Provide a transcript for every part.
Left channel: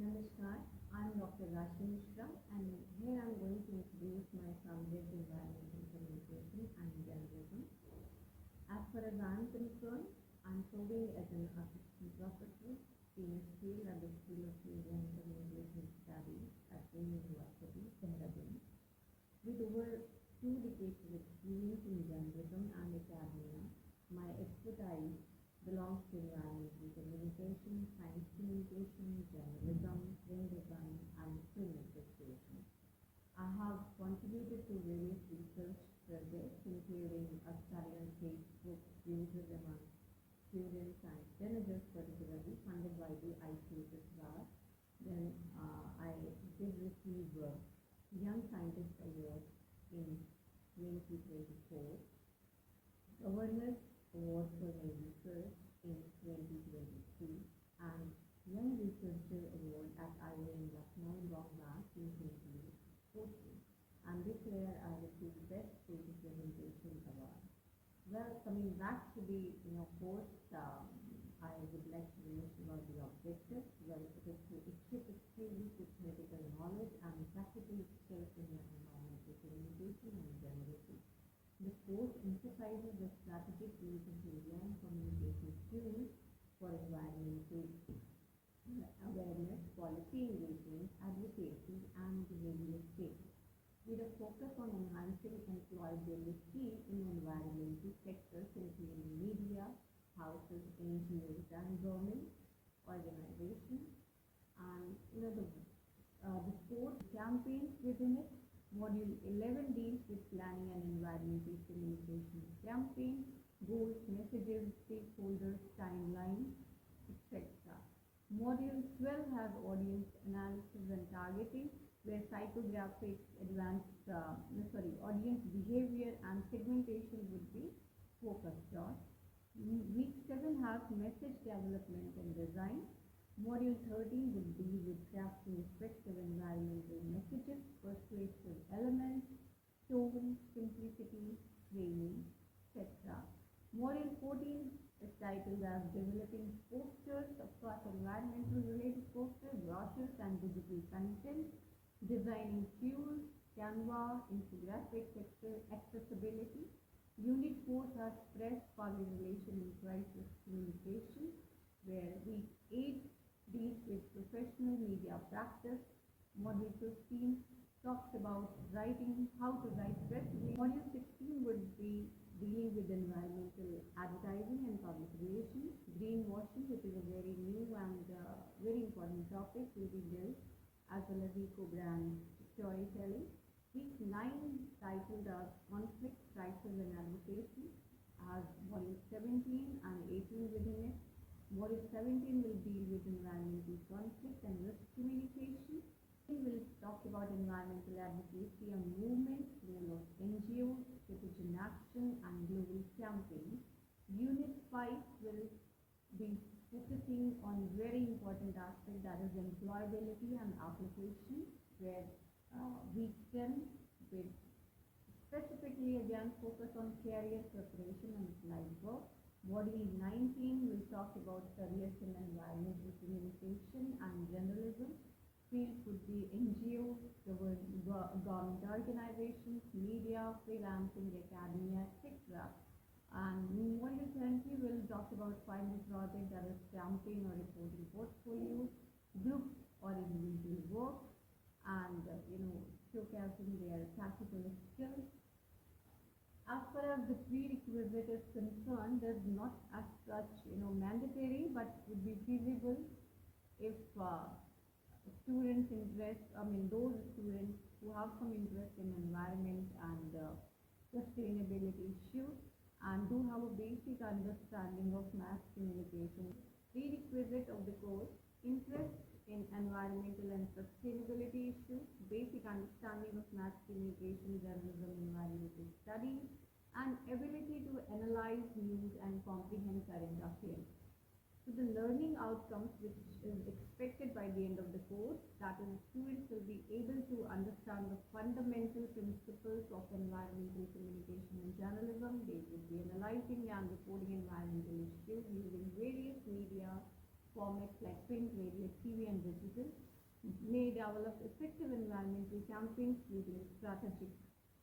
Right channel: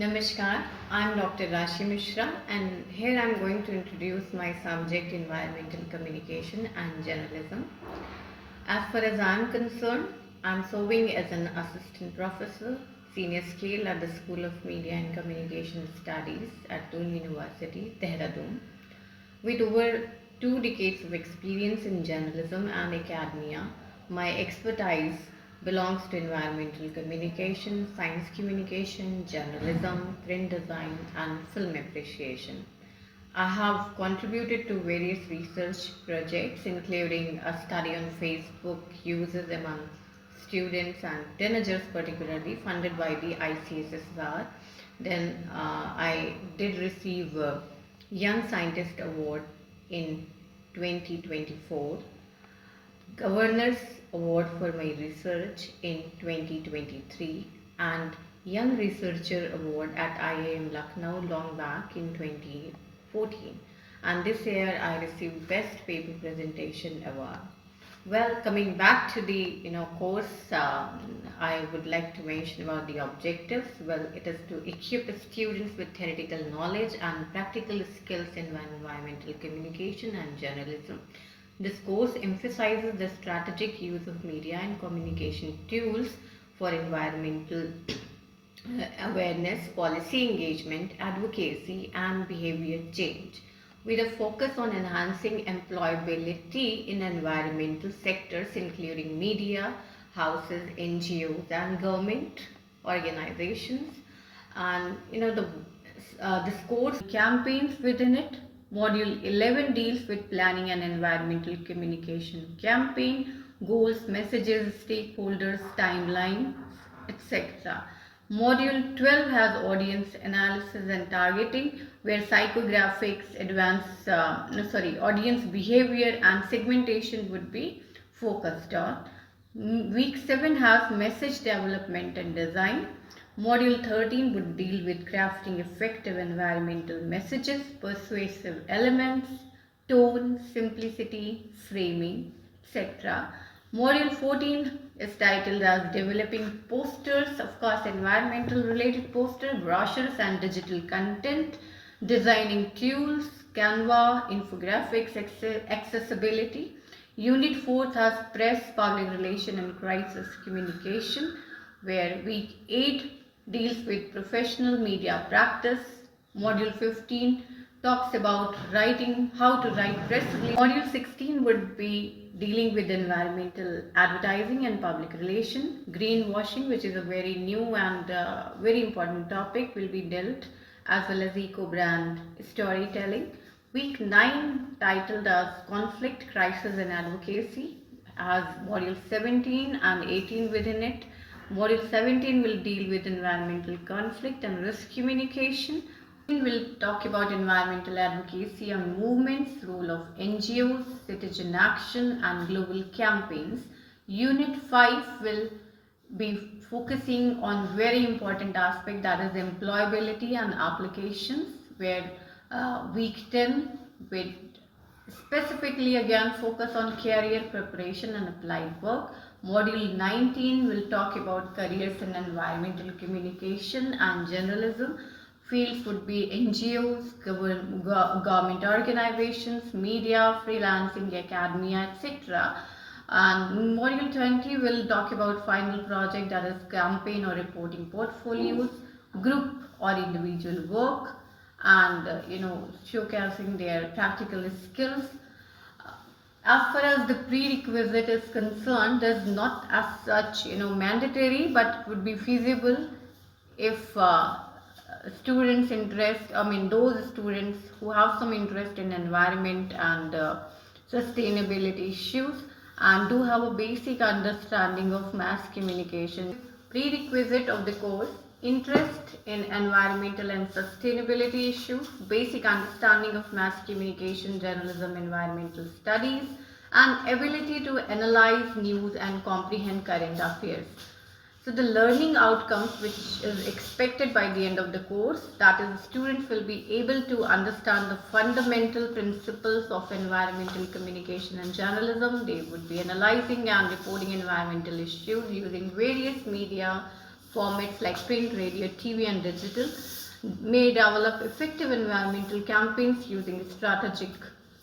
Namaskar, I'm Dr. Rashi Mishra and here I'm going to introduce my subject environmental communication and journalism. As far as I'm concerned, I'm serving as an assistant professor, senior scale at the School of Media and Communication Studies at Doon University, Dehradun. With over 2 decades of experience in journalism and academia, my expertise belongs to environmental communication, science communication, journalism, print design, and film appreciation. I have contributed to various research projects, including a study on Facebook uses among students and teenagers, particularly funded by the ICSSR. Then I did receive a Young Scientist Award in 2024, Governor's Award for my research in 2023, and Young Researcher Award at IIM Lucknow long back in 2014. And this year I received Best Paper Presentation Award. Well, coming back to the course, I would like to mention about the objectives. Well, it is to equip students with theoretical knowledge and practical skills in environmental communication and journalism. This course emphasizes the strategic use of media and communication tools for environmental awareness, policy engagement, advocacy, and behavior change, with a focus on enhancing employability in environmental sectors including media, houses, NGOs, and government organizations. And this course campaigns within it. Module 11 deals with planning an environmental communication campaign, goals, messages, stakeholders, timelines, etc. Module 12 has audience analysis and targeting, where psychographics, audience behavior and segmentation would be focused on. Week 7 has message development and design. Module 13 would deal with crafting effective environmental messages, persuasive elements, tone, simplicity, framing, etc. Module 14 is titled as Developing Posters, of course environmental related poster, brochures and digital content, designing tools, Canva, infographics, accessibility. Unit 4 has Press, Public Relation and Crisis Communication, where week 8 deals with professional media practice. Module 15 talks about writing, how to write press release. Module 16 would be dealing with environmental advertising and public relation. Greenwashing, which is a very new and very important topic, will be dealt, as well as eco-brand storytelling. Week 9 titled as Conflict, Crisis and Advocacy has module 17 and 18 within it. Module 17 will deal with environmental conflict and risk communication. We will talk about environmental advocacy and movements, role of NGOs, citizen action and global campaigns. Unit 5 will be focusing on very important aspect, that is employability and applications, where week 10 will specifically again focus on career preparation and applied work. Module 19 will talk about careers in environmental communication and journalism. Fields would be NGOs, government organizations, media, freelancing, academia, etc. And module 20 will talk about final project, that is campaign or reporting portfolios, group or individual work, and showcasing their practical skills. As far as the prerequisite is concerned, there's not as such mandatory, but it would be feasible if students those students who have some interest in environment and sustainability issues and do have a basic understanding of mass communication. Prerequisite of the course: interest in environmental and sustainability issues, basic understanding of mass communication, journalism, environmental studies, and ability to analyze news and comprehend current affairs. So the learning outcomes which is expected by the end of the course, that is, students will be able to understand the fundamental principles of environmental communication and journalism. They would be analyzing and reporting environmental issues using various media, formats like print, radio, TV and digital, may develop effective environmental campaigns using strategic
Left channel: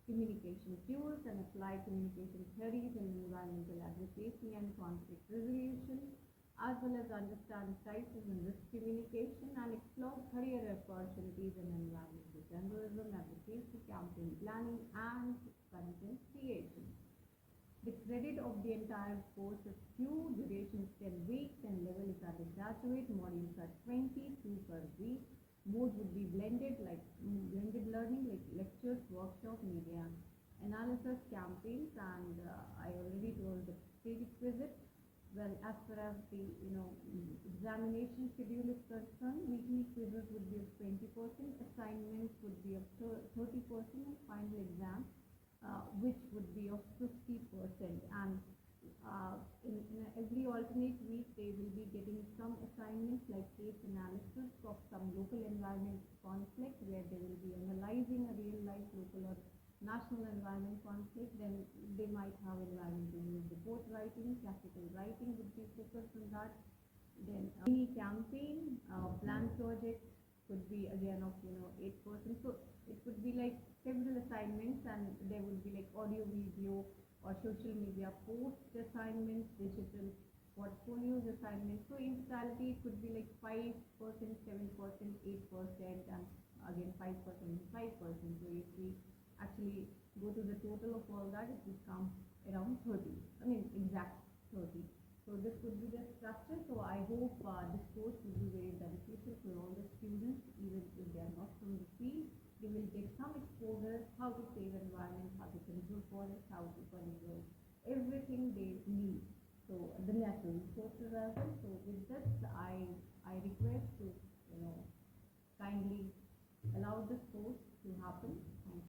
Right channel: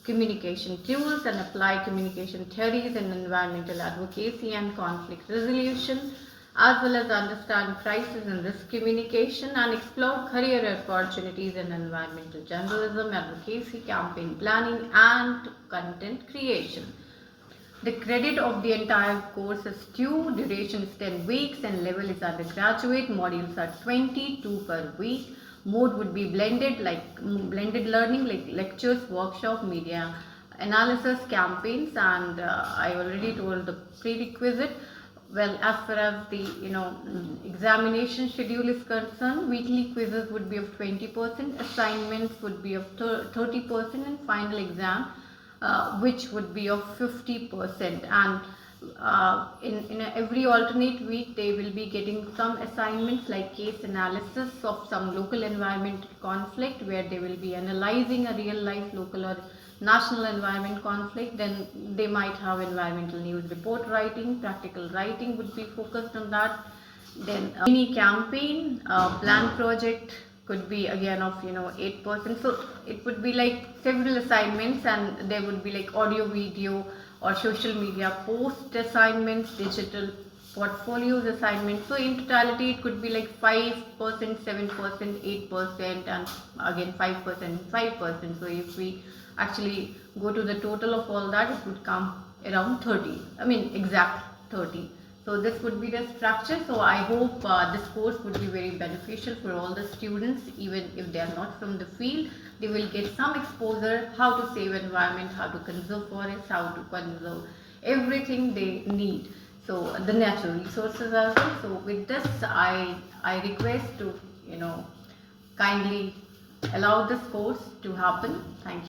communication tools and apply communication theories in environmental advocacy and conflict resolution, as well as understand crisis and risk communication and explore career opportunities in environmental journalism, advocacy, campaign planning and content creation. The credit of the entire course is 2, duration is 10 weeks and level is undergraduate, modules are 22 per week. Mode would be blended, like blended learning, like lectures, workshop, media analysis, campaigns, and I already told the prerequisite. Well, as far as the examination schedule is concerned, weekly quizzes would be of 20%, assignments would be of 30%, and final exam which would be of 50%. And in every alternate week they will be getting some assignments like case analysis of some local environmental conflict, where they will be analyzing a real life local or national environment conflict. Then they might have environmental news report writing, practical writing would be focused on that. Then mini campaign, plan project could be again of 8%. So it would be like several assignments, and there would be like audio, video or social media post assignments, digital portfolios assignments. So in totality it could be like 5%, 7%, 8% and again 5%, 5%. So if we actually go to the total of all that, it would come around 30, exact 30. So this would be the structure. So I hope this course would be very beneficial for all the students, even if they are not from the field. They will get some exposure how to save environment, how to conserve forests, how to conserve everything they need. So the natural resources as well. So with this, I request to kindly allow this course to happen. Thank you.